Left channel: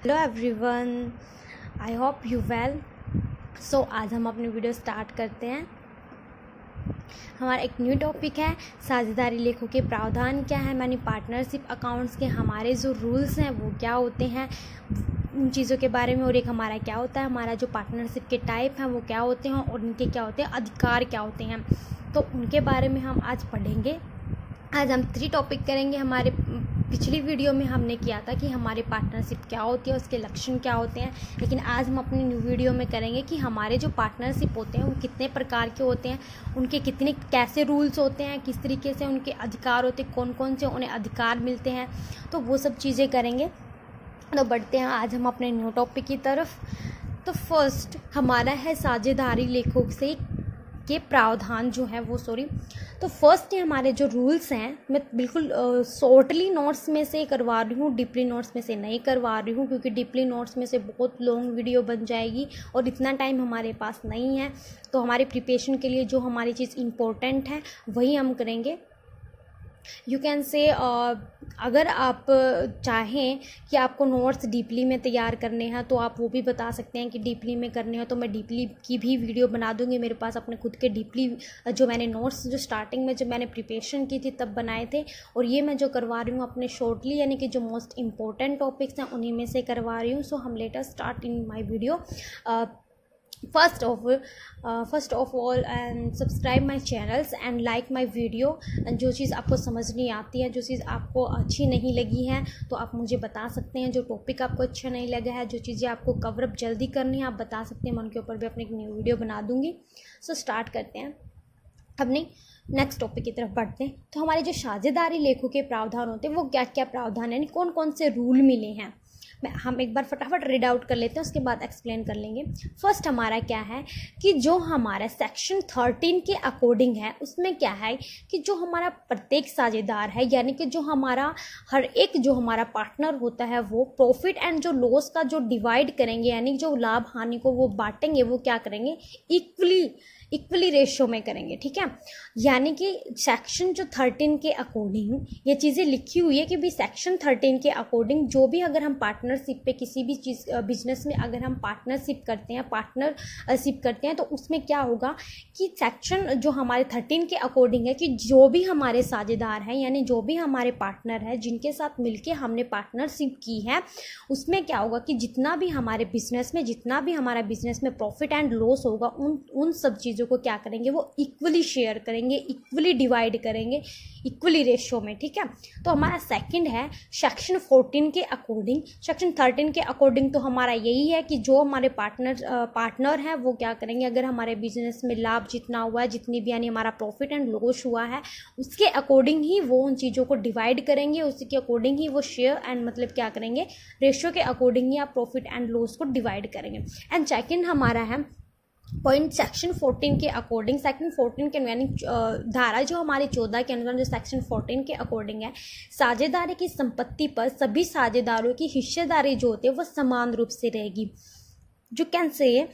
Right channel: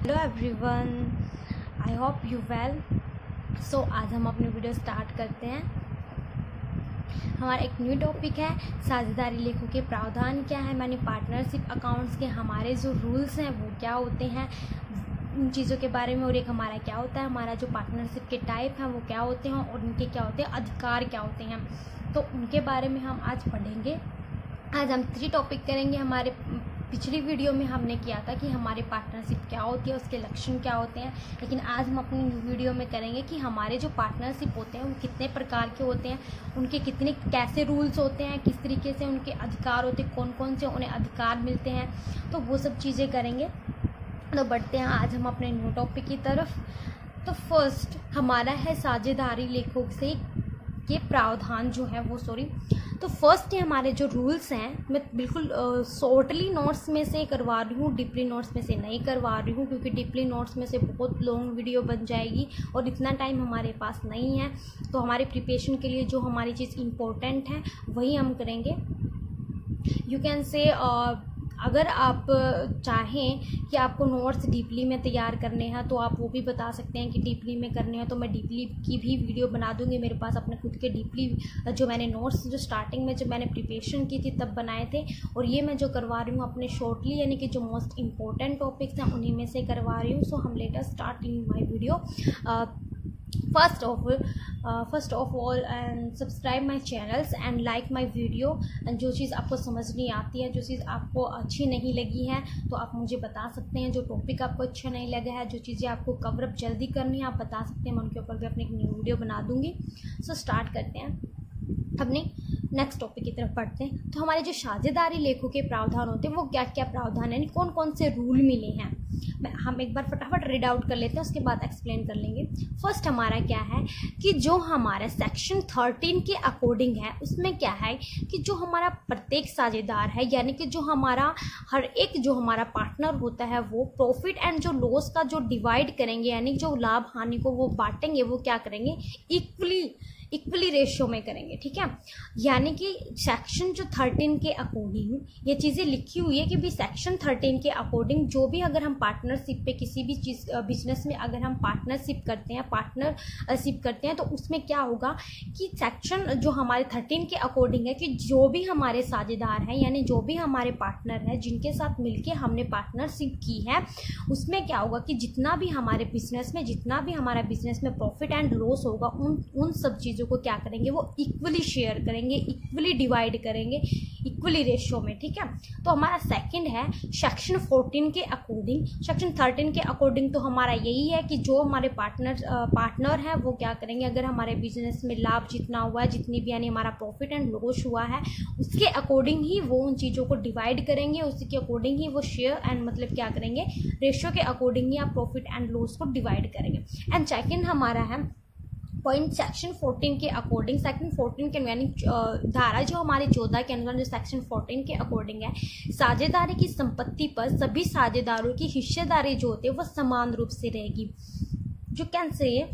Hello everyone, I hope you well. So आज हम अपनी वीडियो स्टार्ट करते हैं। हमारा एक न्यू टॉपिक है साझेदारी लेखों के प्रावधान क्या है, मानी पार्टनरशिप अकाउंट्स के हमारे जो रूल्स हैं वो क्या होते हैं, उन चीज़ों के बारे में। और एक हमारा क्या होता है, हमारा जो पार्टनरशिप के टाइप हैं वो क्या होते हैं और उनके क्या होते हैं अधिकार क्या होते हैं, तो उनके बारे में हम आज पढ़ेंगे। आज हम 3 टॉपिक करेंगे। हमारे पिछली वीडियो में हमने किया था कि हमारी पार्टनरशिप क्या होती है, उसके लक्षण क्या होते हैं, लेकिन आज हम अपनी न्यू वीडियो में करेंगे कि हमारे जो पार्टनरशिप होते हैं वो कितने प्रकार के होते हैं, उनके कितने कैसे रूल्स होते हैं, किस तरीके से उनके अधिकार होते हैं, कौन कौन से उन्हें अधिकार मिलते हैं, तो वो सब चीज़ें करेंगे। तो बढ़ते हैं आज हम अपने न्यू टॉपिक की तरफ। तो फर्स्ट हमारा है साझेदारी लेखों से के प्रावधान जो है वो तो फर्स्ट हमारे जो रूल्स हैं, मैं बिल्कुल शॉर्टली नोट्स में से करवा रही हूँ, डीपली नोट्स में से नहीं करवा रही हूँ, क्योंकि डीपली नोट्स में से बहुत लॉन्ग वीडियो बन जाएगी और इतना टाइम हमारे पास नहीं है। तो हमारे प्रिपरेशन के लिए जो हमारी चीज़ इम्पोर्टेंट है वही हम करेंगे। यू कैन से अगर आप चाहें कि आपको नोट्स डीपली में तैयार करने हैं तो आप वो भी बता सकते हैं कि डीपली में करने हो, तो मैं डीपली की भी वीडियो बना दूंगी। मेरे पास अपने खुद के डीपली जो मैंने नोट्स जो स्टार्टिंग में जब मैंने प्रिपरेशन की थी तब बनाए थे, और ये मैं जो करवा रही हूँ अपने शॉर्टली यानी कि जो मोस्ट इम्पोर्टेंट टॉपिक्स हैं उन्हीं में से करवा रही हूँ। सो हम let us start in my video. First of all and subscribe my channels and like my video. जो चीज़ आपको समझ नहीं आती है, जो चीज़ आपको अच्छी नहीं लगी है, तो आप मुझे बता सकते हैं। जो टॉपिक आपको अच्छा नहीं लगा है, जो चीज़ें आपको कवरअप जल्दी करनी है, आप बता सकते हैं। मैं उनके ऊपर भी अपनी एक न्यू वीडियो बना दूंगी। सो स्टार्ट करते हैं, अपने नेक्स्ट टॉपिक की तरफ बढ़ते हैं। तो हमारे जो साझेदारी लेखों के प्रावधान होते हैं वो क्या क्या प्रावधान है, कौन कौन से रूल मिले हैं, हम एक बार फटाफट रीड आउट कर लेते हैं, उसके बाद एक्सप्लेन कर लेंगे। फर्स्ट हमारा क्या है कि जो हमारा सेक्शन 13 के अकॉर्डिंग है, उसमें क्या है कि जो हमारा प्रत्येक साझेदार है, यानी कि जो हमारा हर एक जो हमारा पार्टनर होता है, वो प्रॉफिट एंड जो लॉस का जो डिवाइड करेंगे, यानी जो लाभ हानि को वो बांटेंगे, वो क्या करेंगे इक्वली रेशियो में करेंगे। ठीक है, यानी कि सेक्शन जो 13 के अकॉर्डिंग ये चीज़ें लिखी हुई है कि भी सेक्शन 13 के अकॉर्डिंग जो भी अगर हम पार्टनरशिप पे किसी भी चीज़ बिजनेस में अगर हम पार्टनरशिप करते हैं तो उसमें क्या होगा कि सेक्शन जो हमारे 13 के अकॉर्डिंग है कि जो भी हमारे साझेदार हैं, यानी जो भी हमारे पार्टनर हैं जिनके साथ मिलके हमने पार्टनरशिप की है, उसमें क्या होगा कि जितना भी हमारे बिजनेस में प्रॉफिट एंड लॉस होगा, उन सब चीज़ों को क्या करेंगे, वो इक्वली शेयर करेंगे, इक्वली डिवाइड करेंगे, इक्वली रेशियो में। ठीक है, तो हमारा सेकंड है सेक्शन 14 के अकॉर्डिंग। सेक्शन 13 के अकॉर्डिंग तो हमारा यही है कि जो हमारे पार्टनर हैं वो क्या करेंगे, अगर हमारे बिजनेस में लाभ जितना हुआ है, जितनी भी यानी हमारा प्रॉफिट एंड लॉस हुआ है, उसके अकॉर्डिंग ही वो उन चीज़ों को डिवाइड करेंगे, उसके अकॉर्डिंग ही वो शेयर एंड मतलब क्या करेंगे, रेशियो के अकॉर्डिंग ही आप प्रॉफिट एंड लॉस को डिवाइड करेंगे। एंड सेकंड हमारा है पॉइंट सेक्शन 14 के अकॉर्डिंग। सेक्शन 14 के यानी धारा जो हमारे 14 के अनुसार जो सेक्शन 14 के अकॉर्डिंग है, साझेदारी की संपत्ति पर सभी साझेदारों की हिस्सेदारी जो होती है वो समान रूप से रहेगी। जो कैसे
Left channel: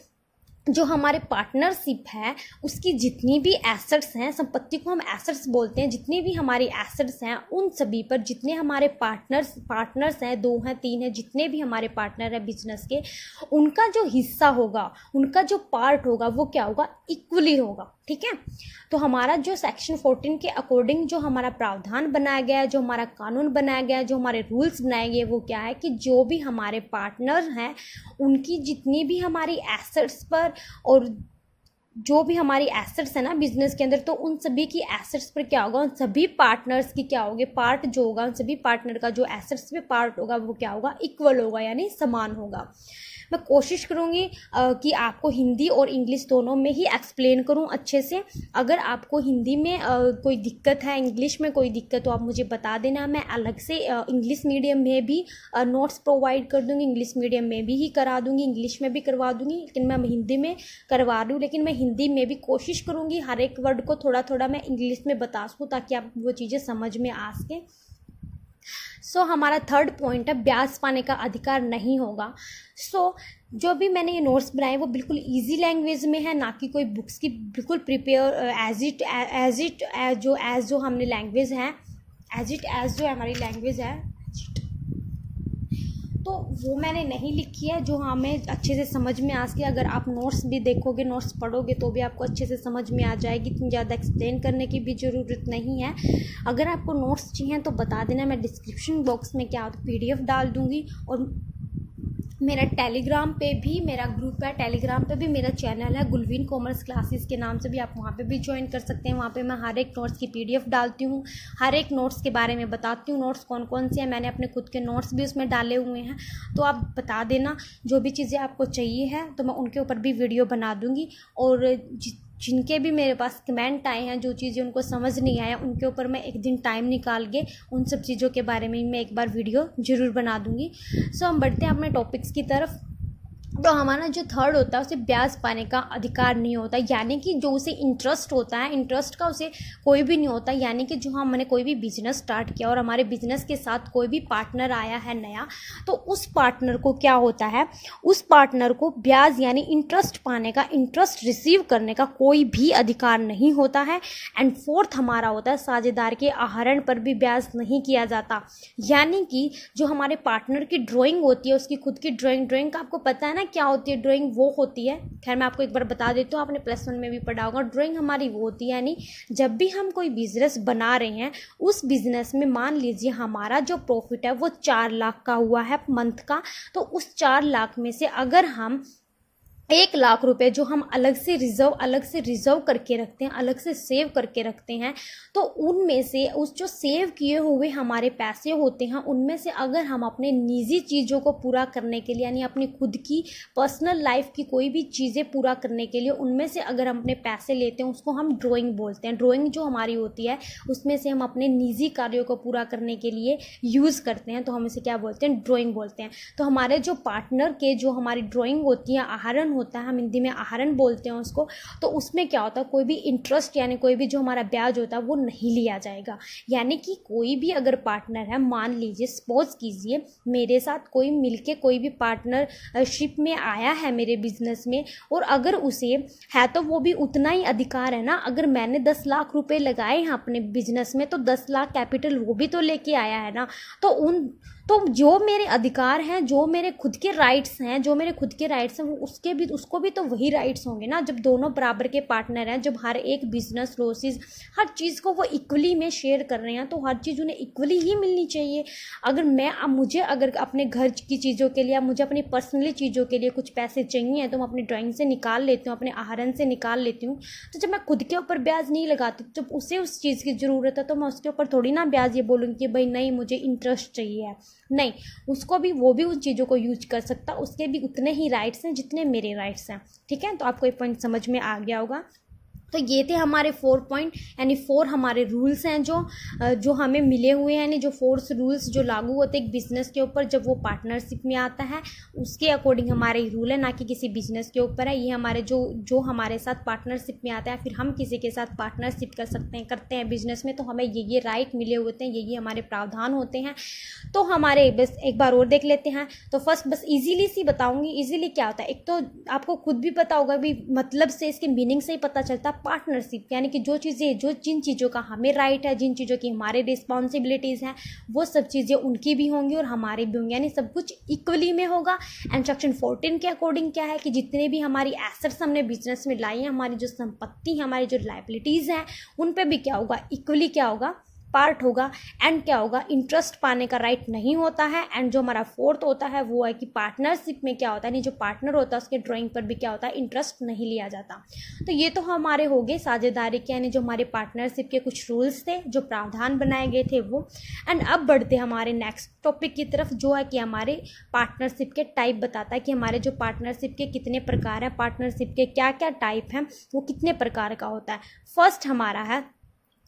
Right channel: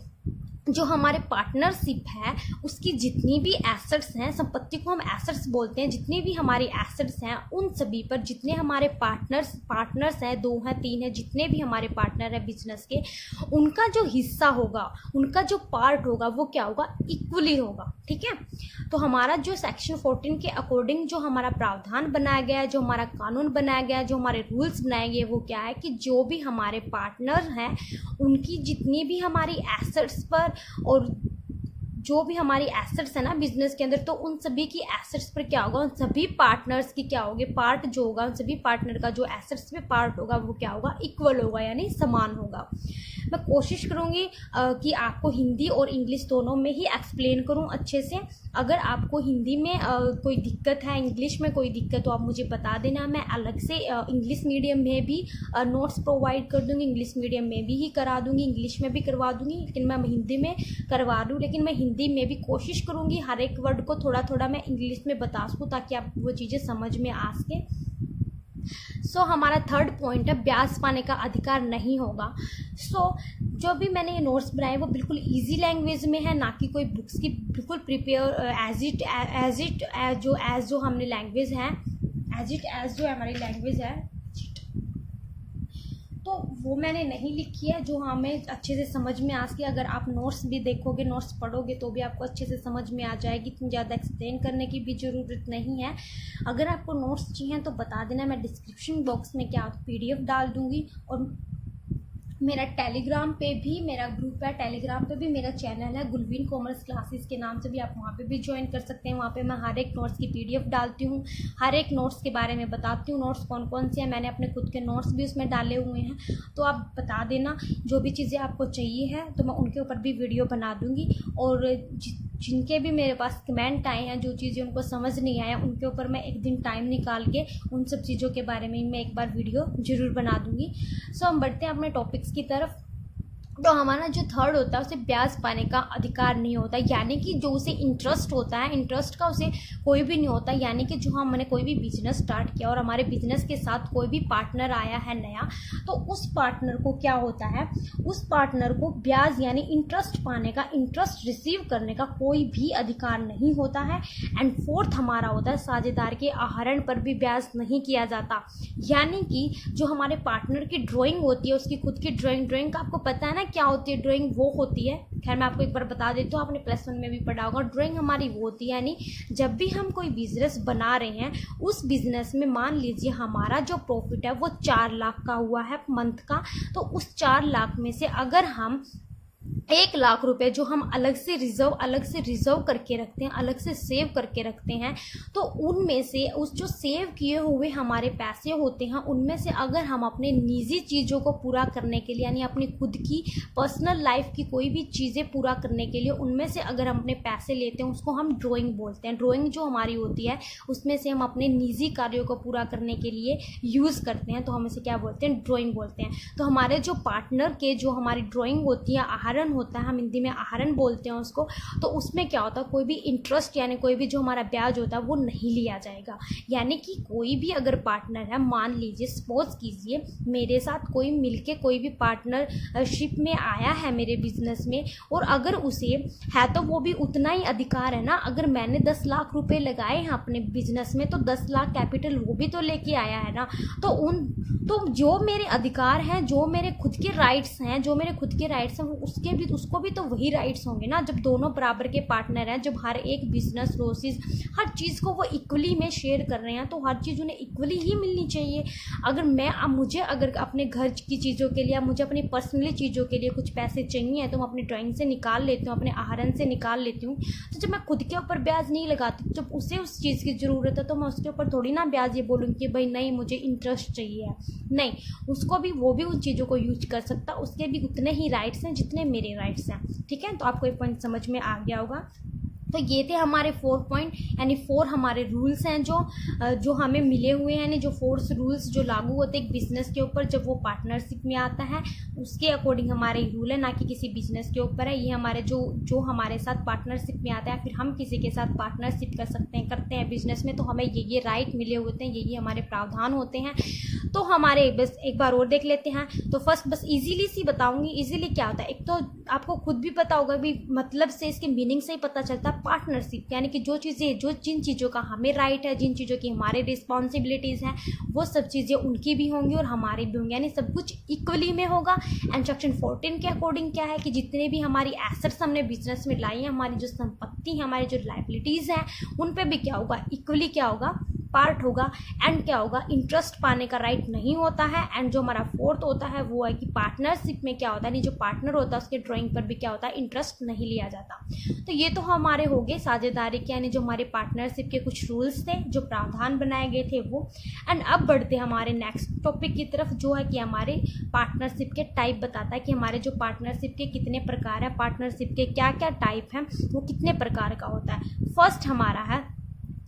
जो हमारे पार्टनरशिप है उसकी जितनी भी एसेट्स हैं, संपत्ति को हम एसेट्स बोलते हैं, जितनी भी हमारी एसेट्स हैं उन सभी पर जितने हमारे पार्टनर्स हैं, 2 हैं 3 हैं, जितने भी हमारे पार्टनर हैं बिजनेस के, उनका जो हिस्सा होगा, उनका जो पार्ट होगा वो क्या होगा, इक्वली होगा। ठीक है, तो हमारा जो सेक्शन 14 के अकॉर्डिंग जो हमारा प्रावधान बनाया गया है, जो हमारा कानून बनाया गया है, जो हमारे रूल्स बनाए गए, वो क्या है कि जो भी हमारे पार्टनर हैं उनकी जितनी भी हमारी एसेट्स पर और जो भी हमारी एसेट्स है ना बिजनेस के अंदर, तो उन सभी की एसेट्स पर क्या होगा, उन सभी पार्टनर्स की क्या होगी, पार्ट जो होगा, उन सभी पार्टनर का जो एसेट्स पे पार्ट होगा वो क्या होगा, इक्वल होगा, यानी समान होगा। मैं कोशिश करूँगी कि आपको हिंदी और इंग्लिश दोनों में ही एक्सप्लेन करूँ अच्छे से। अगर आपको हिंदी में कोई दिक्कत है, इंग्लिश में कोई दिक्कत, तो आप मुझे बता देना। मैं अलग से इंग्लिश मीडियम में भी नोट्स प्रोवाइड कर दूँगी, इंग्लिश मीडियम में भी ही करा दूँगी, इंग्लिश में भी करवा दूँगी, लेकिन मैं हिंदी में करवा दूँ। लेकिन मैं हिंदी में भी कोशिश करूँगी हर एक वर्ड को थोड़ा थोड़ा मैं इंग्लिश में बता सकूँ, ताकि आप वो चीज़ें समझ में आ सकें। सो हमारा थर्ड पॉइंट है ब्याज पाने का अधिकार नहीं होगा। जो भी मैंने ये नोट्स बनाए वो बिल्कुल इजी लैंग्वेज में है, ना कि कोई बुक्स की बिल्कुल प्रिपेयर एज जो हमने लैंग्वेज है, एज जो हमारी लैंग्वेज है, तो वो मैंने नहीं लिखी है, जो हमें अच्छे से समझ में आ सके। अगर आप नोट्स भी देखोगे, नोट्स पढ़ोगे तो भी आपको अच्छे से समझ में आ जाएगी, इतनी ज़्यादा एक्सप्लेन करने की भी ज़रूरत नहीं है। अगर आपको नोट्स चाहिए तो बता देना, मैं डिस्क्रिप्शन बॉक्स में क्या PDF डाल दूँगी। और मेरा टेलीग्राम पे भी मेरा ग्रुप है, टेलीग्राम पे भी मेरा चैनल है गुलवीन कॉमर्स क्लासेस के नाम से भी, आप वहाँ पे भी ज्वाइन कर सकते हैं। वहाँ पे मैं हर एक नोट्स की PDF डालती हूँ, हर एक नोट्स के बारे में बताती हूँ, नोट्स कौन कौन से हैं, मैंने अपने खुद के नोट्स भी उसमें डाले हुए हैं। तो आप बता देना जो भी चीज़ें आपको चाहिए है, तो मैं उनके ऊपर भी वीडियो बना दूँगी। और जिनके भी मेरे पास कमेंट आए हैं, जो चीज़ें उनको समझ नहीं आया, उनके ऊपर मैं एक दिन टाइम निकाल के उन सब चीज़ों के बारे में मैं एक बार वीडियो ज़रूर बना दूँगी। सो हम बढ़ते हैं अपने टॉपिक्स की तरफ। तो हमारा जो थर्ड होता है उसे ब्याज पाने का अधिकार नहीं होता, यानी कि जो उसे इंटरेस्ट होता है, इंटरेस्ट का उसे कोई भी नहीं होता। यानी कि जो हमने कोई भी बिजनेस स्टार्ट किया और हमारे बिजनेस के साथ कोई भी पार्टनर आया है नया, तो उस पार्टनर को क्या होता है, उस पार्टनर को ब्याज यानी इंटरेस्ट पाने का, इंटरेस्ट रिसीव करने का कोई भी अधिकार नहीं होता है। एंड फोर्थ हमारा होता है साझेदार के आहरण पर भी ब्याज नहीं किया जाता। यानी कि जो हमारे पार्टनर की ड्राइंग होती है, उसकी खुद की ड्राइंग का आपको पता है ना क्या होती है ड्राइंग, वो होती है, खैर मैं आपको एक बार बता देती हूँ, आपने +1 में भी पढ़ा होगा। ड्राइंग हमारी वो होती है, यानी जब भी हम कोई बिजनेस बना रहे हैं, उस बिजनेस में मान लीजिए हमारा जो प्रॉफिट है वो 4 लाख का हुआ है मंथ का, तो उस 4 लाख में से अगर हम 1 लाख रुपए जो हम अलग से रिजर्व करके रखते हैं, अलग से सेव करके रखते हैं, तो उनमें से उस जो सेव किए हुए हमारे पैसे होते हैं, उनमें से अगर हम अपने निजी चीज़ों को पूरा करने के लिए, यानी अपनी खुद की पर्सनल लाइफ की कोई भी चीज़ें पूरा करने के लिए, उनमें से अगर हम अपने पैसे लेते हैं, उसको हम ड्राइंग बोलते हैं। ड्राइंग जो हमारी होती है उसमें से हम अपने निजी कार्यों को पूरा करने के लिए यूज़ करते हैं, तो हम इसे क्या बोलते हैं, ड्राइंग बोलते हैं। तो हमारे जो पार्टनर के जो हमारी ड्राइंग होती है, आहरण होता है, हम हिंदी में आहरण बोलते हैं उसको, तो उसमें क्या होता है, कोई भी इंटरेस्ट यानी कोई भी जो हमारा ब्याज होता है वो नहीं लिया जाएगा। यानी कि कोई भी अगर पार्टनर है, मान लीजिए सपोज कीजिए मेरे साथ कोई मिलके कोई भी पार्टनरशिप में आया है मेरे बिजनेस में, और अगर उसे है तो वो भी उतना ही अधिकार है ना। अगर मैंने 10 लाख रुपए लगाए हैं अपने बिजनेस में, तो 10 लाख कैपिटल वो भी तो लेके आया है ना। तो जो मेरे अधिकार हैं, जो मेरे खुद के राइट्स हैं, उसको भी तो वही राइट्स होंगे ना, जब दोनों बराबर के पार्टनर हैं, जब हर एक बिजनेस लॉसेस हर चीज़ को वो इक्वली में शेयर कर रहे हैं, तो हर चीज़ उन्हें इक्वली ही मिलनी चाहिए। मुझे अगर अपने घर की चीज़ों के लिए, मुझे अपनी पर्सनली चीज़ों के लिए कुछ पैसे चाहिए, तो मैं अपनी ड्राइंग से निकाल लेती हूँ, अपने आहरण से निकाल लेती हूँ। तो जब मैं खुद के ऊपर ब्याज नहीं लगाती, जब उसे उस चीज़ की ज़रूरत है, तो मैं उसके ऊपर थोड़ी ना ब्याज ये बोलूँगी कि भाई नहीं मुझे इंटरेस्ट चाहिए है। नहीं, वो भी उन चीज़ों को यूज कर सकता, उसके भी उतने ही राइट्स हैं जितने मेरे राइट्स हैं। ठीक है, तो आपको एक पॉइंट समझ में आ गया होगा। तो ये थे हमारे 4 पॉइंट, यानी 4 हमारे रूल्स हैं जो हमें मिले हुए हैं, यानी जो 4 रूल्स जो लागू होते हैं एक बिजनेस के ऊपर जब वो पार्टनरशिप में आता है, उसके अकॉर्डिंग हमारे रूल है, ना कि किसी बिजनेस के ऊपर है। ये हमारे जो हमारे साथ पार्टनरशिप में आता है, फिर हम किसी के साथ पार्टनरशिप करते हैं बिजनेस में, तो हमें ये राइट मिले होते हैं, ये हमारे प्रावधान होते हैं। तो हमारे बस एक बार और देख लेते हैं। तो फर्स्ट बस इजीली सी बताऊंगी, इजीली क्या होता है। एक तो आपको खुद भी पता होगा, भी मतलब से इसके मीनिंग से ही पता चलता है। पार्टनरशिप यानी कि जिन चीज़ों का हमें राइट है, जिन चीज़ों की हमारे रिस्पॉन्सिबिलिटीज़ हैं, वो सब चीज़ें उनकी भी होंगी और हमारी भी होंगी, यानी सब कुछ इक्वली में होगा। एंड सेक्शन 14 के अकॉर्डिंग क्या है कि जितने भी हमारी एसेट्स हमने बिजनेस में लाई हैं, हमारी जो संपत्ति है, हमारी जो लायबिलिटीज़ हैं, उन पे भी क्या होगा, इक्वली क्या होगा, पार्ट होगा। एंड क्या होगा, इंटरेस्ट पाने का राइट नहीं होता है। एंड जो हमारा 4th होता है वो है कि पार्टनरशिप में क्या होता है, नहीं जो पार्टनर होता है उसके ड्राइंग पर भी क्या होता है, इंटरेस्ट नहीं लिया जाता। तो ये तो हमारे हो गए साझेदारी के, यानी जो हमारे पार्टनरशिप के कुछ रूल्स थे, जो प्रावधान बनाए गए थे वो। एंड अब बढ़ते हमारे नेक्स्ट टॉपिक की तरफ, जो है कि हमारे पार्टनरशिप के टाइप बताता है कि हमारे जो पार्टनरशिप के कितने प्रकार है, पार्टनरशिप के क्या क्या टाइप हैं, वो कितने प्रकार का होता है। फर्स्ट हमारा है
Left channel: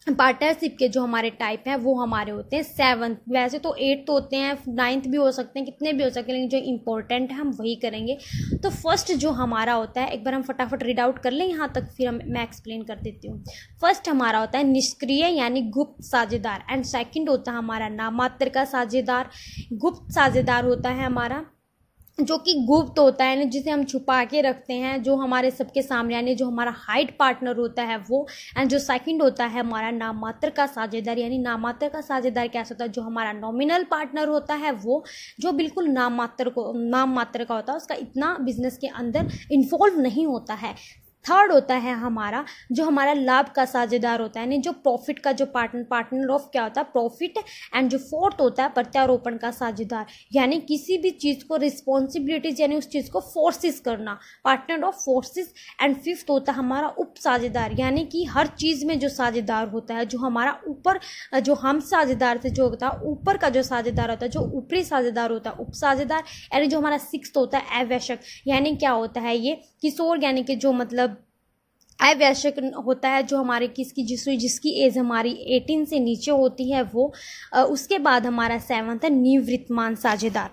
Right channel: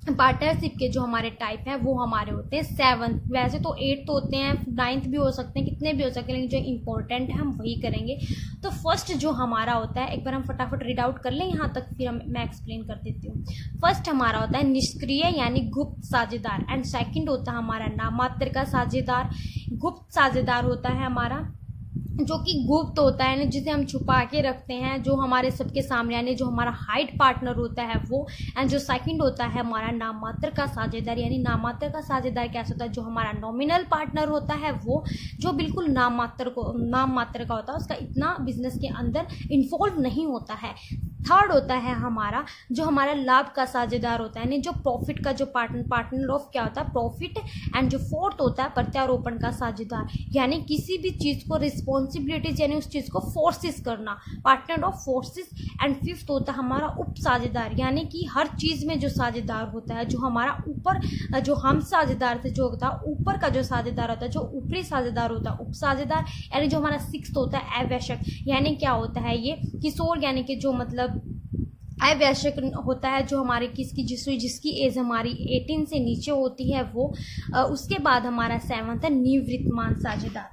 पार्टनरशिप के जो हमारे टाइप हैं वो हमारे होते हैं 7। वैसे तो 8 तो होते हैं, 9th भी हो सकते हैं, कितने भी हो सकते हैं, लेकिन जो इंपॉर्टेंट है हम वही करेंगे। तो फर्स्ट जो हमारा होता है, एक बार हम फटाफट रीड आउट कर लें यहाँ तक, फिर मैं एक्सप्लेन कर देती हूँ। फर्स्ट हमारा होता है निष्क्रिय यानी गुप्त साझेदार। एंड सेकंड होता है हमारा नामात्र का साझेदार। गुप्त साझेदार होता है हमारा जो कि गुप्त होता है ना, जिसे हम छुपा के रखते हैं, जो हमारे सबके सामने यानी जो हमारा हाइड पार्टनर होता है वो। एंड जो सेकंड होता है हमारा नाम मात्र का साझेदार, यानी नाम मात्र का साझेदार कैसा होता है, जो हमारा नॉमिनल पार्टनर होता है वो, जो बिल्कुल नाम मात्र का होता है, उसका इतना बिजनेस के अंदर इन्वॉल्व नहीं होता है। थर्ड होता है हमारा जो हमारा लाभ का साझेदार होता है, यानी जो प्रॉफिट का जो पार्टनर ऑफ क्या होता है, प्रॉफिट। एंड जो फोर्थ होता है प्रत्यारोपण का साझेदार, यानी किसी भी चीज़ को रिस्पॉन्सिबिलिटीज यानी उस चीज़ को फोर्सेस करना, partner of forces. And fifth होता है हमारा उप साझेदार, यानी कि हर चीज़ में जो साझेदार होता है, जो हमारा ऊपर जो हम साझेदार से जो होता है ऊपर का जो साझेदार होता है, जो ऊपरी साझेदार होता है उप साझेदार। यानी जो हमारा सिक्स्थ होता है अवैश्यक, यानी क्या होता है ये किशोर, यानी कि जो मतलब अवैश्यक होता है, जो हमारे जिसकी एज हमारी 18 से नीचे होती है वो। उसके बाद हमारा सेवंथ है निवृत्तमान साझेदार।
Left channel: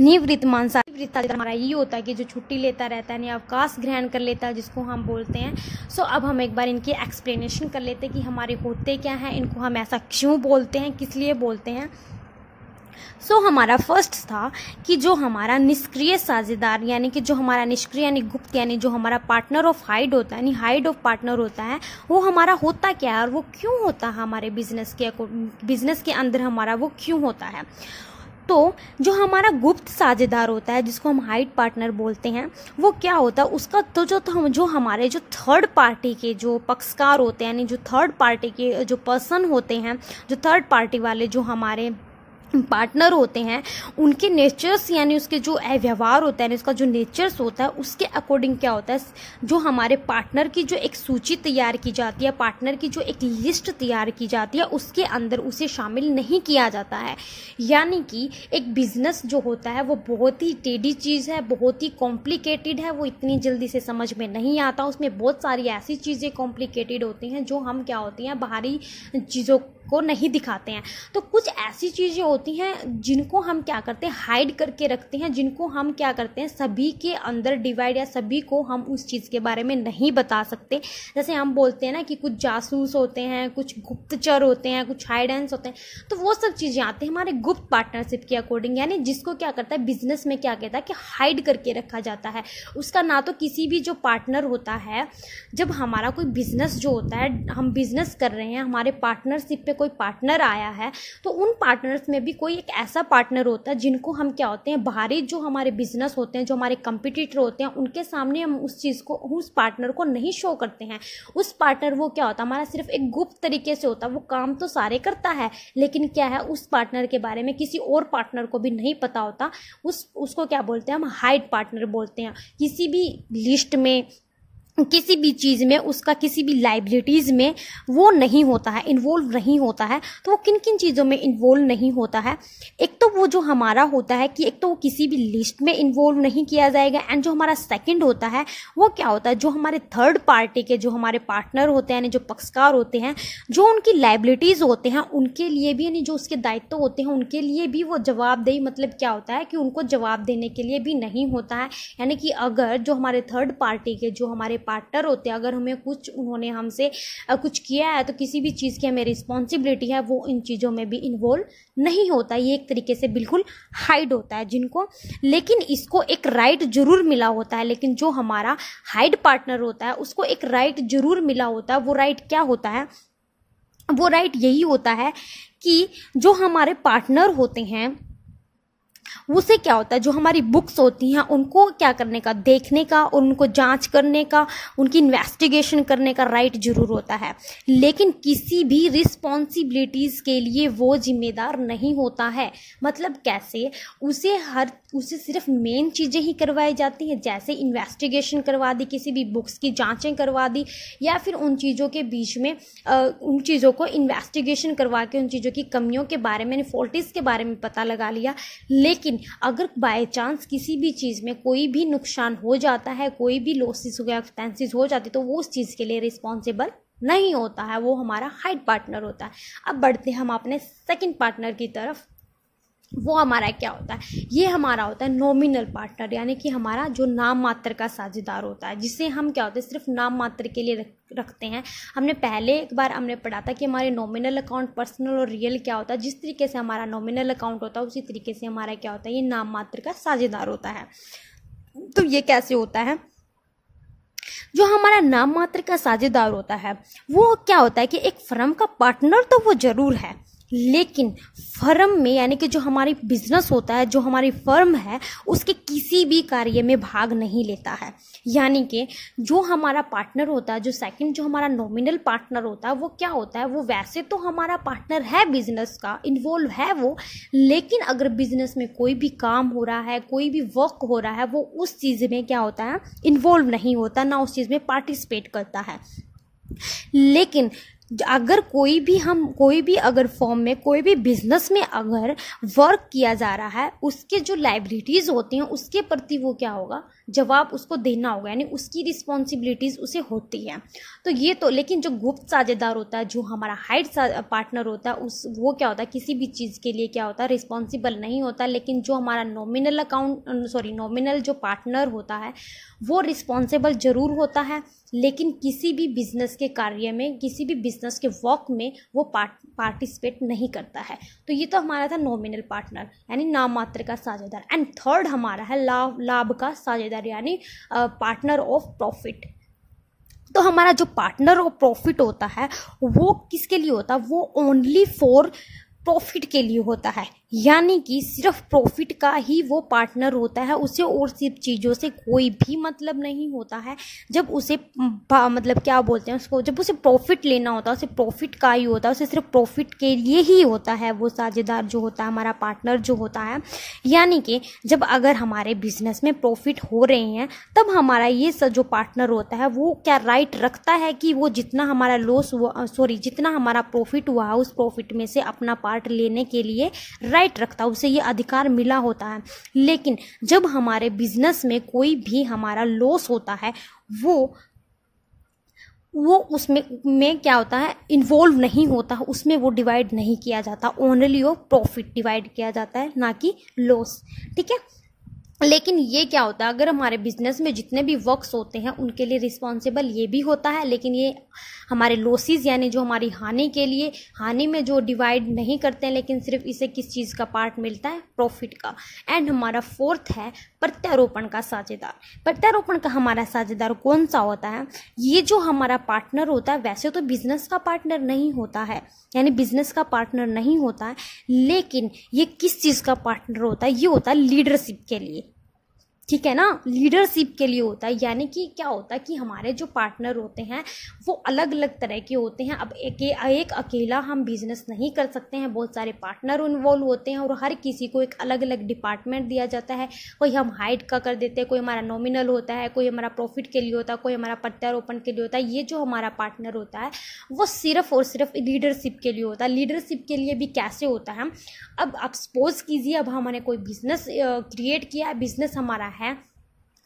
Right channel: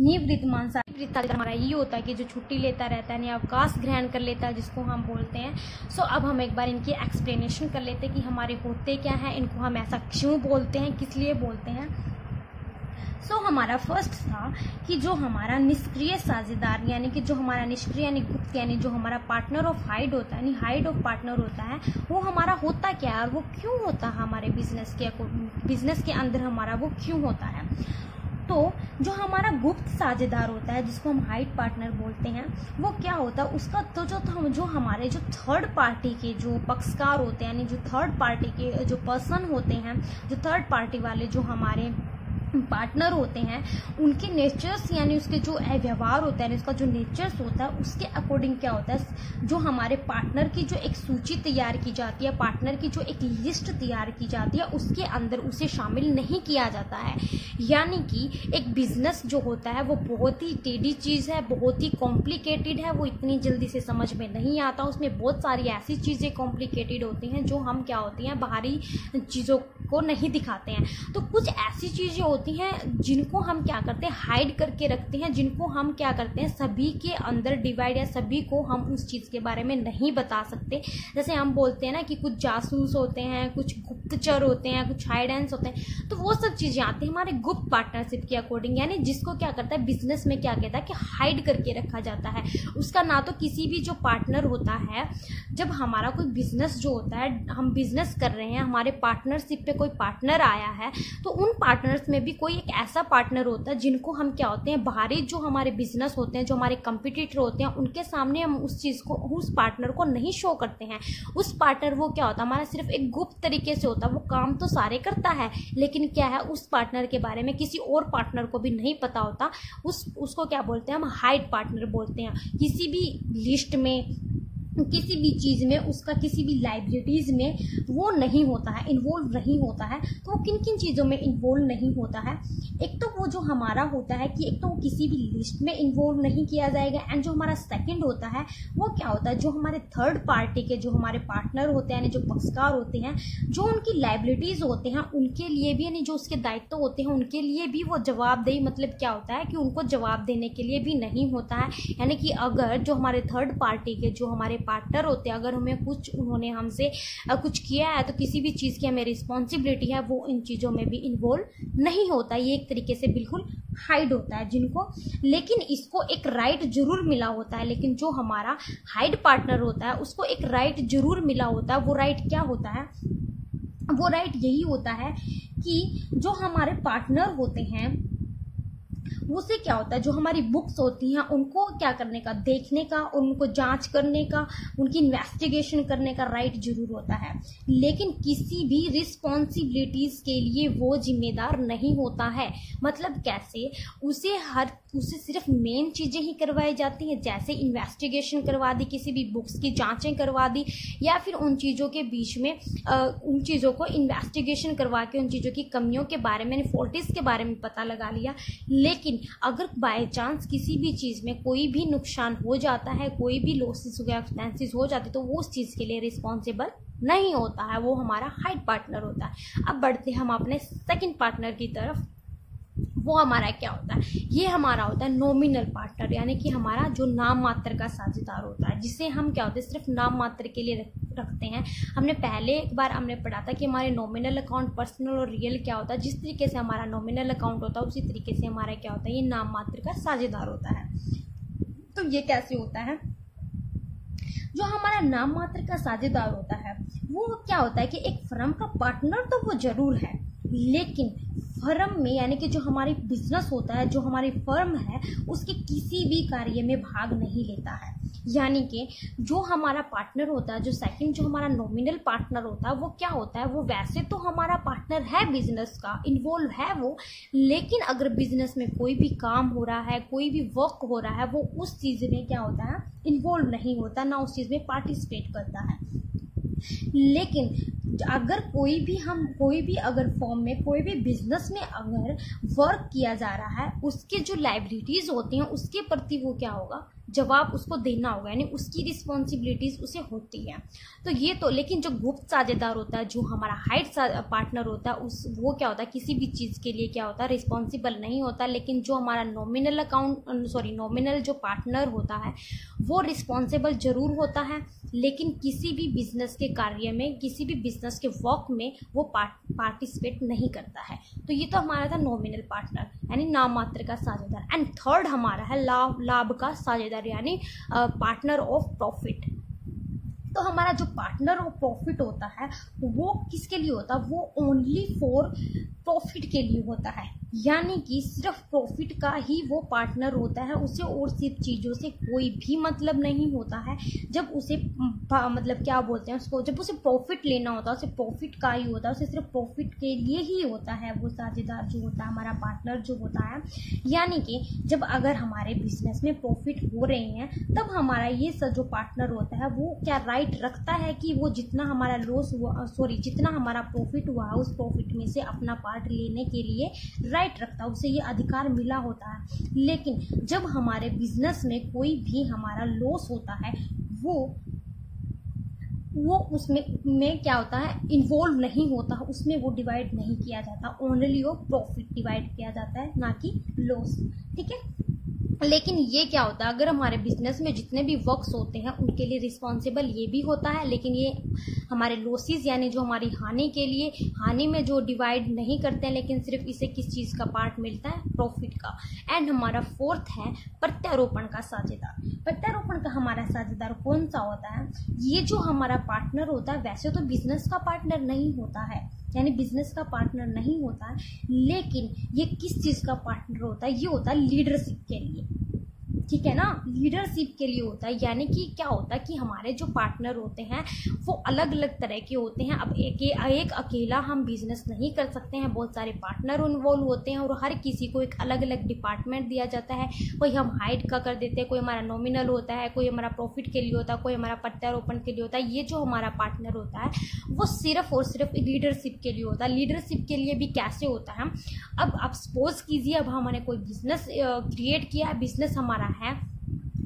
निवृत्तमान साझेदार हमारा ये होता है कि जो छुट्टी लेता रहता है, यानी अवकाश ग्रहण कर लेता है, जिसको हम बोलते हैं। सो अब हम एक बार इनकी एक्सप्लेनेशन कर लेते हैं कि हमारे होते क्या हैं, इनको हम ऐसा क्यों बोलते हैं, किस लिए बोलते हैं। सो हमारा फर्स्ट था कि जो हमारा निष्क्रिय साझेदार, यानी कि जो हमारा निष्क्रिय यानी गुप्त, यानी जो हमारा पार्टनर ऑफ हाइड होता है, यानी हाइड ऑफ पार्टनर होता है, वो हमारा होता क्या है और वो क्यों होता है हमारे बिजनेस के अंदर हमारा वो क्यों होता है। तो जो हमारा गुप्त साझेदार होता है, जिसको हम हाइड पार्टनर बोलते हैं, वो क्या होता है उसका तो जो हमारे जो थर्ड पार्टी के जो पक्षकार होते हैं, यानी जो थर्ड पार्टी के जो पर्सन होते हैं, जो थर्ड पार्टी वाले जो हमारे पार्टनर होते हैं, उनके नेचर्स यानी उसके जो व्यवहार होता है, उसका जो नेचर्स होता है, उसके अकॉर्डिंग क्या होता है, जो हमारे पार्टनर की जो एक सूची तैयार की जाती है, पार्टनर की जो एक लिस्ट तैयार की जाती है, उसके अंदर उसे शामिल नहीं किया जाता है। यानी कि एक बिजनेस जो होता है वो बहुत ही टेढ़ी चीज़ है, बहुत ही कॉम्प्लिकेटेड है, वो इतनी जल्दी से समझ में नहीं आता। उसमें बहुत सारी ऐसी चीज़ें कॉम्प्लिकेटेड होती हैं जो हम क्या होती हैं बाहरी चीज़ों को नहीं दिखाते हैं। तो कुछ ऐसी चीज़ें होती हैं जिनको हम क्या करते हैं हाइड करके रखते हैं, जिनको हम क्या करते हैं सभी के अंदर डिवाइड, या सभी को हम उस चीज़ के बारे में नहीं बता सकते। जैसे हम बोलते हैं ना कि कुछ जासूस होते हैं, कुछ गुप्तचर होते हैं, कुछ हाइडेंस होते हैं, तो वो सब चीज़ें आती हैं हमारे गुप्त पार्टनरशिप के अकॉर्डिंग, यानी जिसको क्या करता है बिजनेस में क्या कहता है कि हाइड करके रखा जाता है। उसका ना तो किसी भी जो पार्टनर होता है, जब हमारा कोई बिजनेस जो होता है, हम बिजनेस कर रहे हैं, हमारे पार्टनरशिप पे कोई पार्टनर आया है, तो उन पार्टनर्स में भी कोई एक ऐसा पार्टनर होता है जिनको हम क्या होते हैं बाहरी जो हमारे बिजनेस होते हैं, जो हमारे कंपटीटर होते हैं, उनके सामने हम उस चीज़ को, उस पार्टनर को नहीं शो करते हैं। उस पार्टनर वो क्या होता है हमारा सिर्फ एक गुप्त तरीके से होता है, वो काम तो सारे करता है, लेकिन क्या है उस पार्टनर के बारे में किसी और पार्टनर को भी नहीं पता होता। उसको क्या बोलते हैं हम हाइड पार्टनर बोलते हैं। किसी भी लिस्ट में, किसी भी चीज़ में, उसका किसी भी लाइबिलिटीज़ में वो नहीं होता है, इन्वॉल्व नहीं होता है। तो वो किन किन चीज़ों में इन्वॉल्व नहीं होता है, एक तो वो जो हमारा होता है कि एक तो वो किसी भी लिस्ट में इन्वॉल्व नहीं किया जाएगा। एंड जो हमारा सेकंड होता है वो क्या होता है, जो हमारे थर्ड पार्टी के जो हमारे पार्टनर होते हैं, यानी जो पक्षकार होते हैं, जो उनकी लाइबिलिटीज़ होते हैं उनके लिए भी, यानी जो उसके दायित्व होते हैं उनके लिए भी वो जवाबदेही, मतलब क्या होता है कि उनको जवाब देने के लिए भी नहीं होता है। यानी कि अगर जो हमारे थर्ड पार्टी के जो हमारे पार्टनर होते हैं, अगर हमें कुछ उन्होंने हमसे कुछ किया है, तो किसी भी चीज़ की हमें रिस्पॉन्सिबिलिटी है, वो इन चीज़ों में भी इन्वॉल्व नहीं होता। ये एक तरीके से बिल्कुल हाइड होता है जिनको, लेकिन इसको एक राइट जरूर मिला होता है। लेकिन जो हमारा हाइड पार्टनर होता है उसको एक राइट जरूर मिला होता है। वो राइट क्या होता है, वो राइट यही होता है कि जो हमारे पार्टनर होते हैं उससे क्या होता है, जो हमारी बुक्स होती हैं उनको क्या करने का, देखने का, और उनको जांच करने का, उनकी इन्वेस्टिगेशन करने का राइट जरूर होता है। लेकिन किसी भी रिस्पॉन्सिबिलिटीज़ के लिए वो जिम्मेदार नहीं होता है। मतलब कैसे, उसे सिर्फ मेन चीज़ें ही करवाई जाती हैं, जैसे इन्वेस्टिगेशन करवा दी, किसी भी बुक्स की जांचें करवा दी, या फिर उन चीज़ों के बीच में उन चीज़ों को इन्वेस्टिगेशन करवा के उन चीज़ों की कमियों के बारे में, फॉल्टीज के बारे में पता लगा लिया। लेकिन अगर बाय चांस किसी भी चीज़ में कोई भी नुकसान हो जाता है, कोई भी लॉसेस हो गया, एक्सपेंसेस हो जाती, तो वो उस चीज़ के लिए रिस्पॉन्सिबल नहीं होता है, वो हमारा हाइड पार्टनर होता है। अब बढ़ते हम अपने सेकंड पार्टनर की तरफ। वो हमारा क्या होता है, ये हमारा होता है नॉमिनल पार्टनर, यानी कि हमारा जो नाम मात्र का साझेदार होता है, जिसे हम क्या होता है सिर्फ नाम मात्र के लिए रखते हैं। हमने पहले एक बार हमने पढ़ा था कि हमारे नॉमिनल अकाउंट, पर्सनल और रियल क्या होता है। जिस तरीके से हमारा नॉमिनल अकाउंट होता है उसी तरीके से हमारा क्या होता है, ये नाम मात्र का साझेदार होता है। तो ये कैसे होता है, जो हमारा नाम मात्र का साझेदार होता है वो क्या होता है कि एक फर्म का पार्टनर तो वो जरूर है, लेकिन फर्म में यानी कि जो हमारी बिजनेस होता है, जो हमारी फर्म है, उसके किसी भी कार्य में भाग नहीं लेता है। यानी कि जो हमारा पार्टनर होता है, जो सेकंड जो हमारा नॉमिनल पार्टनर होता है, वो क्या होता है, वो वैसे तो हमारा पार्टनर है, बिजनेस का इन्वॉल्व है वो, लेकिन अगर बिजनेस में कोई भी काम हो रहा है, कोई भी वर्क हो रहा है, वो उस चीज़ में क्या होता है, इन्वॉल्व नहीं होता, ना उस चीज़ में पार्टिसिपेट करता है। लेकिन अगर कोई भी अगर फॉर्म में, कोई भी बिजनेस में अगर वर्क किया जा रहा है, उसके जो लायबिलिटीज होती हैं उसके प्रति वो क्या होगा, जवाब उसको देना होगा, यानी उसकी रिस्पॉन्सिबिलिटीज उसे होती है। तो ये तो, लेकिन जो गुप्त साझेदार होता है, जो हमारा हाइड पार्टनर होता है, वो क्या होता है, किसी भी चीज़ के लिए क्या होता है, रिस्पॉन्सिबल नहीं होता। लेकिन जो हमारा नॉमिनल जो पार्टनर होता है वो रिस्पॉन्सिबल जरूर होता है, लेकिन किसी भी बिजनेस के कार्य में, किसी भी बिजनेस के वर्क में वो पार्टिसिपेट नहीं करता है। तो ये तो हमारा था नॉमिनल पार्टनर, यानी नाम मात्र का साझेदार। एंड थर्ड हमारा है लाभ का साझेदार, यानी पार्टनर ऑफ प्रॉफिट। तो हमारा जो पार्टनर ऑफ प्रॉफिट होता है वो किसके लिए होता है, वो ओनली फॉर प्रॉफिट के लिए होता है, यानी कि सिर्फ प्रॉफिट का ही वो पार्टनर होता है, उसे और सिर्फ चीज़ों से कोई भी मतलब नहीं होता है। जब उसे मतलब क्या बोलते हैं उसको, जब उसे प्रॉफिट लेना होता है, उसे प्रॉफिट का ही होता है, उसे सिर्फ प्रॉफिट के लिए ही होता है वो साझेदार जो होता है, हमारा पार्टनर जो होता है। यानी कि जब अगर हमारे बिजनेस में प्रॉफिट हो रहे हैं, तब हमारा ये जो पार्टनर होता है वो क्या राइट रखता है कि वो जितना हमारा जितना हमारा प्रॉफिट हुआ है उस प्रॉफिट में से अपना पार्ट लेने के लिए राइट रखता है, उसे ये अधिकार मिला होता है। लेकिन जब हमारे बिजनेस में कोई भी हमारा लॉस होता है, वो उसमें क्या होता है, इन्वॉल्व नहीं होता, उसमें वो डिवाइड नहीं किया जाता, ओनली वो प्रॉफिट डिवाइड किया जाता है, ना कि लॉस। ठीक है। लेकिन ये क्या होता है, अगर हमारे बिजनेस में जितने भी वर्क्स होते हैं उनके लिए रिस्पॉन्सिबल ये भी होता है, लेकिन ये हमारे लॉसेस यानी जो हमारी हानि के लिए, हानि में जो डिवाइड नहीं करते हैं, लेकिन सिर्फ इसे किस चीज़ का पार्ट मिलता है, प्रॉफिट का। एंड हमारा फोर्थ है प्रत्यारोपण का साझेदार। प्रत्यारोपण का हमारा साझेदार कौन सा होता है, ये जो हमारा पार्टनर होता है वैसे तो बिजनेस का पार्टनर नहीं होता है, यानी बिजनेस का पार्टनर नहीं होता है, लेकिन ये किस चीज़ का पार्टनर होता है, ये होता है लीडरशिप के लिए। ठीक है ना, लीडरशिप के लिए होता है। यानी कि क्या होता है कि हमारे जो पार्टनर होते हैं वो अलग अलग तरह के होते हैं। अब एक अकेला हम बिजनेस नहीं कर सकते हैं, बहुत सारे पार्टनर इन्वॉल्व होते हैं और हर किसी को एक अलग अलग डिपार्टमेंट दिया जाता है। कोई हम हाइड का कर देते हैं, कोई हमारा नॉमिनल होता है, कोई हमारा प्रॉफिट के लिए होता है, कोई हमारा प्रत्यारोपण के लिए होता है। ये जो हमारा पार्टनर होता है वो सिर्फ और सिर्फ लीडरशिप के लिए होता है। लीडरशिप के लिए भी कैसे होता है, अब आप सपोज कीजिए अब हमने कोई बिजनेस क्रिएट किया, बिजनेस हमारा है,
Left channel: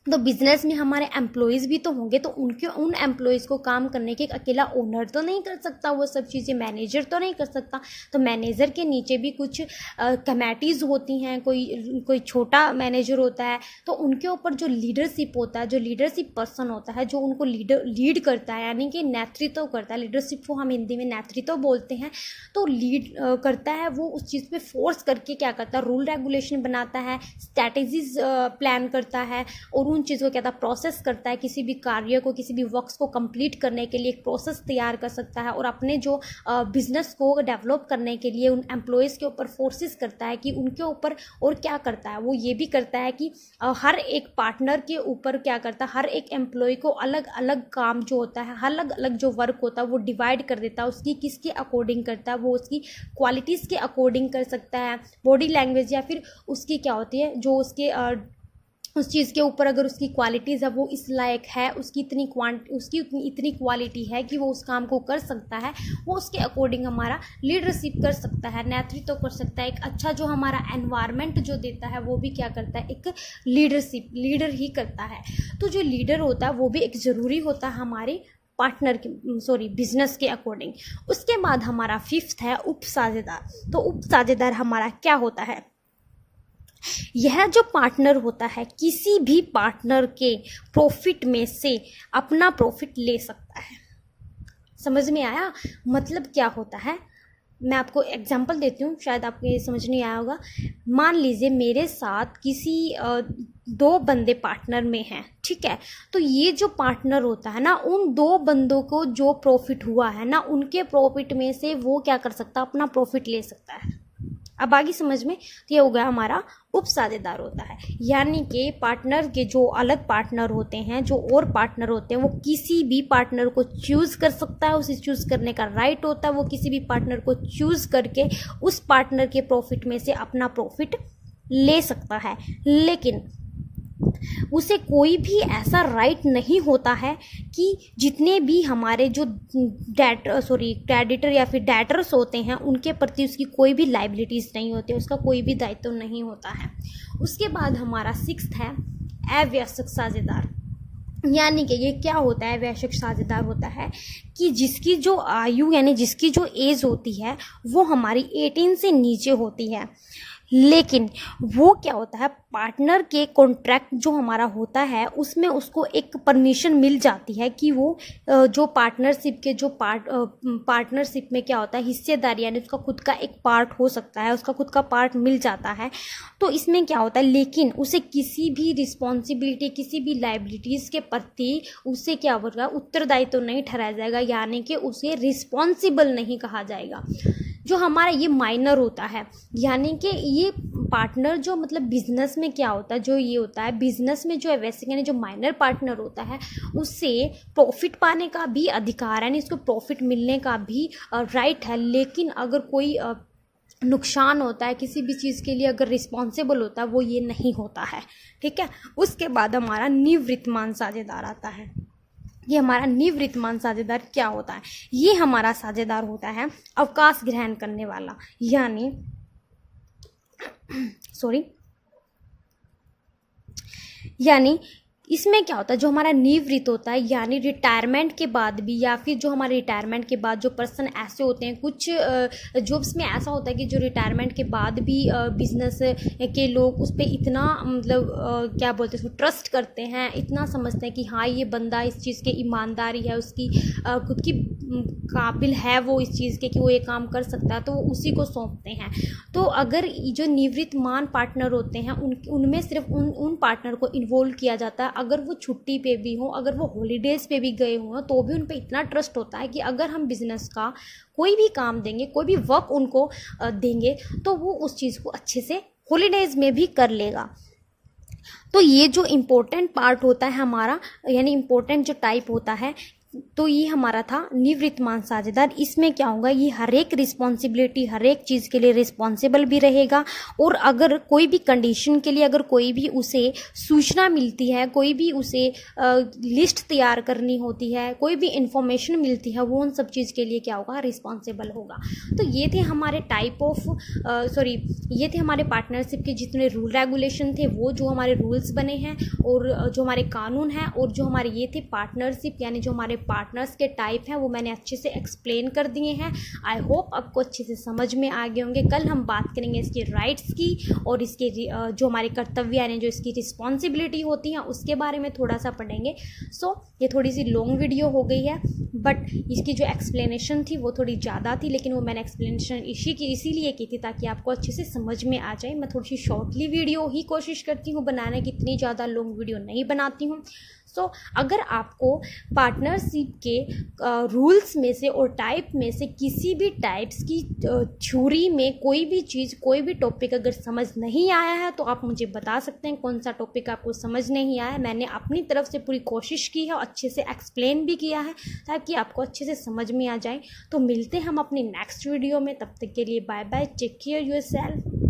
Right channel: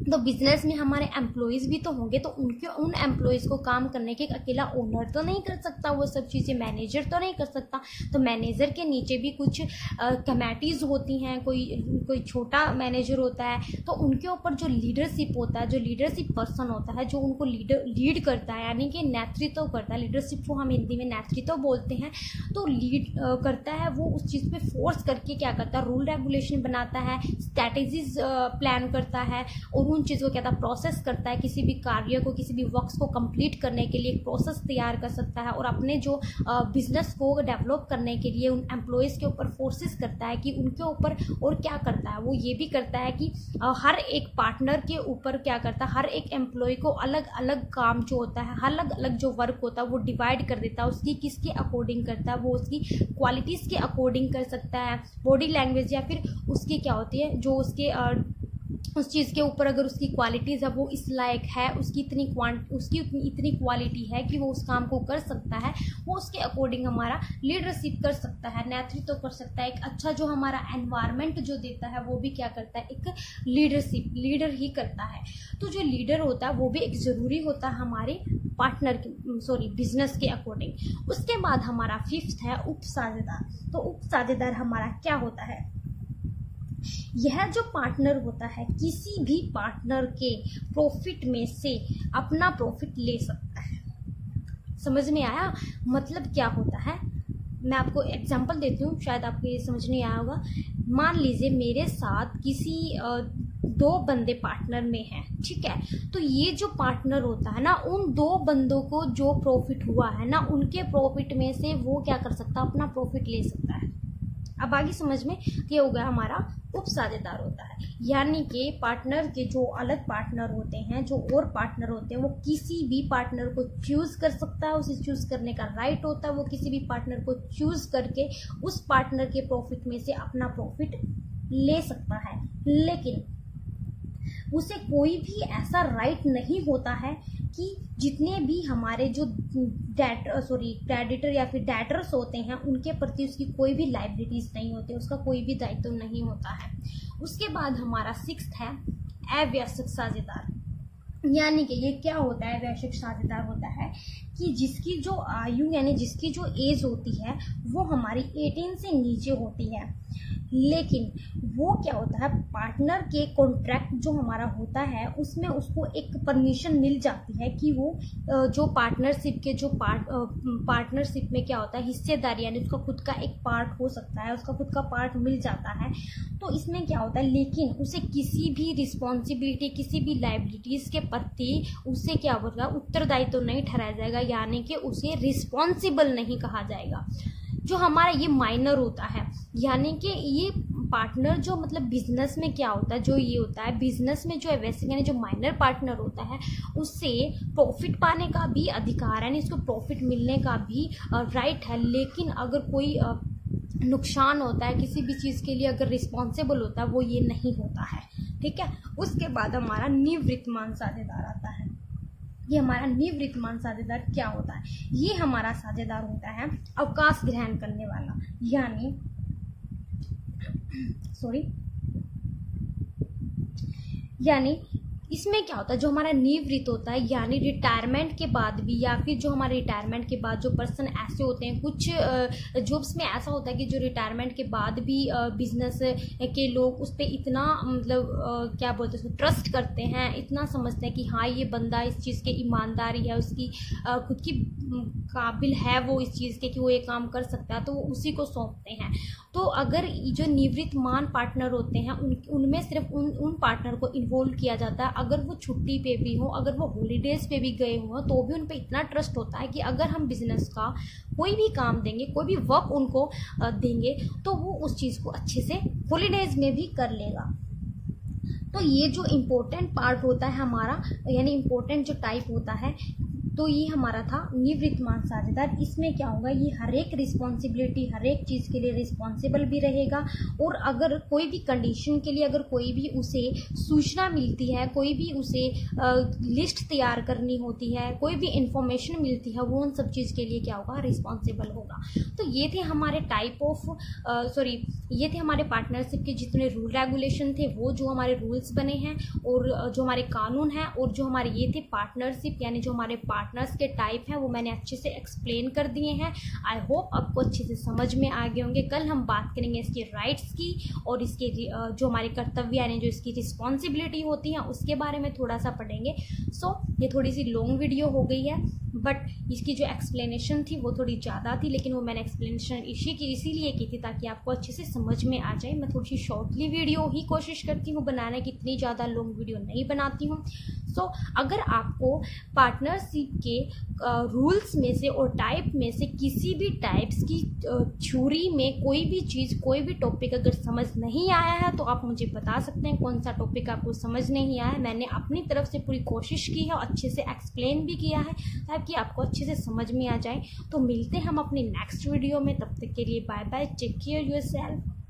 तो बिजनेस में हमारे एम्प्लॉयज़ भी तो होंगे, तो उन एम्प्लॉयज़ को काम करने के एक अकेला ओनर तो नहीं कर सकता, वो सब चीज़ें मैनेजर तो नहीं कर सकता। तो मैनेजर के नीचे भी कुछ कमेटीज़ होती हैं, कोई छोटा मैनेजर होता है, तो उनके ऊपर जो लीडरशिप होता है, जो लीडरशिप पर्सन होता है, जो उनको लीड करता है, यानी कि नेतृत्व करता है। लीडरशिप को हम हिंदी में नेतृत्व बोलते हैं। तो लीड करता है, वो उस चीज़ पे फोर्स करके क्या करता है, रूल रेगुलेशन बनाता है, स्ट्रैटेजीज प्लान करता है और उन चीज़ों को क्या था, प्रोसेस करता है। किसी भी कार्य को, किसी भी वर्क्स को कंप्लीट करने के लिए एक प्रोसेस तैयार कर सकता है और अपने जो बिजनेस को डेवलप करने के लिए उन एम्प्लॉयज़ के ऊपर फोर्सेस करता है कि उनके ऊपर, और क्या करता है वो ये भी करता है कि हर एक पार्टनर के ऊपर क्या करता है, हर एक एम्प्लॉय को अलग अलग काम जो होता है, अलग अलग जो वर्क होता है वो डिवाइड कर देता है। उसकी किसके अकॉर्डिंग करता है, वो उसकी क्वालिटीज़ के अकॉर्डिंग कर सकता है, बॉडी लैंग्वेज या फिर उसकी क्या होती है, जो उसके उस चीज़ के ऊपर अगर उसकी क्वालिटीज़ है, वो इस लायक है, उसकी इतनी क्वालिटी है कि वो उस काम को कर सकता है, वो उसके अकॉर्डिंग हमारा लीडरशिप कर सकता है, नेतृत्व कर सकता है। एक अच्छा जो हमारा एनवायरनमेंट जो देता है वो भी क्या करता है, एक लीडर ही करता है। तो जो लीडर होता है वो भी एक ज़रूरी होता है हमारे बिजनेस के अकॉर्डिंग। उसके बाद हमारा फिफ्थ है उप साझेदार। तो उप साझेदार हमारा क्या होता है, यह जो पार्टनर होता है किसी भी पार्टनर के प्रॉफिट में से अपना प्रॉफिट ले सकता है। समझ में आया? मतलब क्या होता है, मैं आपको एग्जांपल देती हूँ, शायद आपको ये समझ नहीं आया होगा। मान लीजिए मेरे साथ किसी 2 बंदे पार्टनर में हैं, ठीक है। तो ये जो पार्टनर होता है ना, उन 2 बंदों को जो प्रॉफिट हुआ है ना, उनके प्रॉफिट में से वो क्या कर सकता है, अपना प्रॉफिट ले सकता है। अब आगे समझ में? तो ये हो गया हमारा उपसाझेदार होता है। यानी कि पार्टनर के जो अलग पार्टनर होते हैं, जो और पार्टनर होते हैं, वो किसी भी पार्टनर को चूज कर सकता है, उसे चूज करने का राइट होता है। वो किसी भी पार्टनर को चूज करके उस पार्टनर के प्रॉफिट में से अपना प्रॉफिट ले सकता है, लेकिन उसे कोई भी ऐसा राइट नहीं होता है कि जितने भी हमारे जो क्रेडिटर या फिर डेटर्स होते हैं उनके प्रति उसकी कोई भी लाइबिलिटीज नहीं होती, उसका कोई भी दायित्व नहीं होता है। उसके बाद हमारा 6th है अवैयस्क साझेदार। यानी कि ये क्या होता है, अवैयस्क साझेदार होता है कि जिसकी जो आयु यानी जिसकी जो एज होती है वो हमारी 18 से नीचे होती है, लेकिन वो क्या होता है, पार्टनर के कॉन्ट्रैक्ट जो हमारा होता है उसमें उसको एक परमिशन मिल जाती है कि वो जो पार्टनरशिप के जो पार्टनरशिप में क्या होता है, हिस्सेदारी यानी उसका खुद का एक पार्ट हो सकता है, उसका खुद का पार्ट मिल जाता है। तो इसमें क्या होता है, लेकिन उसे किसी भी रिस्पॉन्सिबिलिटी, किसी भी लाइबिलिटीज़ के प्रति उसे क्या होगा, उत्तरदायी तो नहीं ठहराया जाएगा, यानी कि उसे रिस्पॉन्सिबल नहीं कहा जाएगा। जो हमारा ये माइनर होता है, यानी कि ये पार्टनर जो मतलब बिजनेस में क्या होता है, जो ये होता है बिजनेस में जो है वैसे यानी जो माइनर पार्टनर होता है उससे प्रॉफिट पाने का भी अधिकार है, यानी इसको प्रॉफिट मिलने का भी राइट है। लेकिन अगर कोई नुकसान होता है किसी भी चीज़ के लिए, अगर रिस्पॉन्सिबल होता है, वो ये नहीं होता है, ठीक है। उसके बाद हमारा निवृत्तमान साझेदार आता है। ये हमारा निवृत्तमान साझेदार क्या होता है, ये हमारा साझेदार होता है अवकाश ग्रहण करने वाला, यानी इसमें क्या होता है, जो हमारा निवृत्त होता है यानी रिटायरमेंट के बाद भी, या फिर जो हमारे रिटायरमेंट के बाद जो पर्सन ऐसे होते हैं, कुछ जॉब्स में ऐसा होता है कि जो रिटायरमेंट के बाद भी बिजनेस के लोग उस पर इतना मतलब क्या बोलते हैं, उसको ट्रस्ट करते हैं, इतना समझते हैं कि हाँ ये बंदा इस चीज़ के ईमानदारी है, उसकी खुद की काबिल है वो इस चीज़ के कि वो ये काम कर सकता है, तो वो उसी को सौंपते हैं। तो अगर जो निवृत्तमान पार्टनर होते हैं उनमें सिर्फ उन पार्टनर को इन्वॉल्व किया जाता है, अगर वो छुट्टी पे भी हो, अगर वो हॉलीडेज पे भी गए हों, तो भी उन पे इतना ट्रस्ट होता है कि अगर हम बिजनेस का कोई भी काम देंगे, कोई भी वर्क उनको देंगे, तो वो उस चीज़ को अच्छे से हॉलीडेज में भी कर लेगा। तो ये जो इम्पोर्टेंट पार्ट होता है हमारा, यानी इम्पोर्टेंट जो टाइप होता है, तो ये हमारा था निवृत्तमान साझेदार। इसमें क्या होगा, ये हर एक रिस्पॉन्सिबिलिटी, हर एक चीज़ के लिए रिस्पॉन्सिबल भी रहेगा, और अगर कोई भी कंडीशन के लिए अगर कोई भी उसे सूचना मिलती है, कोई भी उसे लिस्ट तैयार करनी होती है, कोई भी इंफॉर्मेशन मिलती है, वो उन सब चीज़ के लिए क्या होगा, रिस्पॉन्सिबल होगा। तो ये थे हमारे टाइप ऑफ ये थे हमारे पार्टनरशिप के जितने रूल रेगुलेशन थे, वो जो हमारे रूल्स बने हैं, और जो हमारे कानून हैं, और जो हमारे ये थे पार्टनरशिप यानी जो हमारे पार्टनर्स के टाइप हैं, वो मैंने अच्छे से एक्सप्लेन कर दिए हैं। आई होप आपको अच्छे से समझ में आ गए होंगे। कल हम बात करेंगे इसके राइट्स की, और इसके जो हमारे कर्तव्य यानी जो इसकी रिस्पॉन्सिबिलिटी होती है उसके बारे में थोड़ा सा पढ़ेंगे। सो ये थोड़ी सी लॉन्ग वीडियो हो गई है, बट इसकी जो एक्सप्लेनेशन थी वो थोड़ी ज़्यादा थी, लेकिन वो मैंने एक्सप्लेनेशन इसीलिए की थी ताकि आपको अच्छे से समझ में आ जाए। मैं थोड़ी सी शॉर्टली वीडियो ही कोशिश करती हूँ बनाने की, इतनी ज़्यादा लॉन्ग वीडियो नहीं बनाती हूँ। सो अगर आपको पार्टनरशिप के रूल्स में से और टाइप में से किसी भी टाइप्स की थ्योरी में कोई भी चीज़, कोई भी टॉपिक अगर समझ नहीं आया है, तो आप मुझे बता सकते हैं कौन सा टॉपिक आपको समझ नहीं आया है। मैंने अपनी तरफ से पूरी कोशिश की है और अच्छे से एक्सप्लेन भी किया है ताकि आपको अच्छे से समझ में आ जाए। तो मिलते हैं हम अपनी नेक्स्ट वीडियो में, तब तक के लिए bye bye, take care yourself.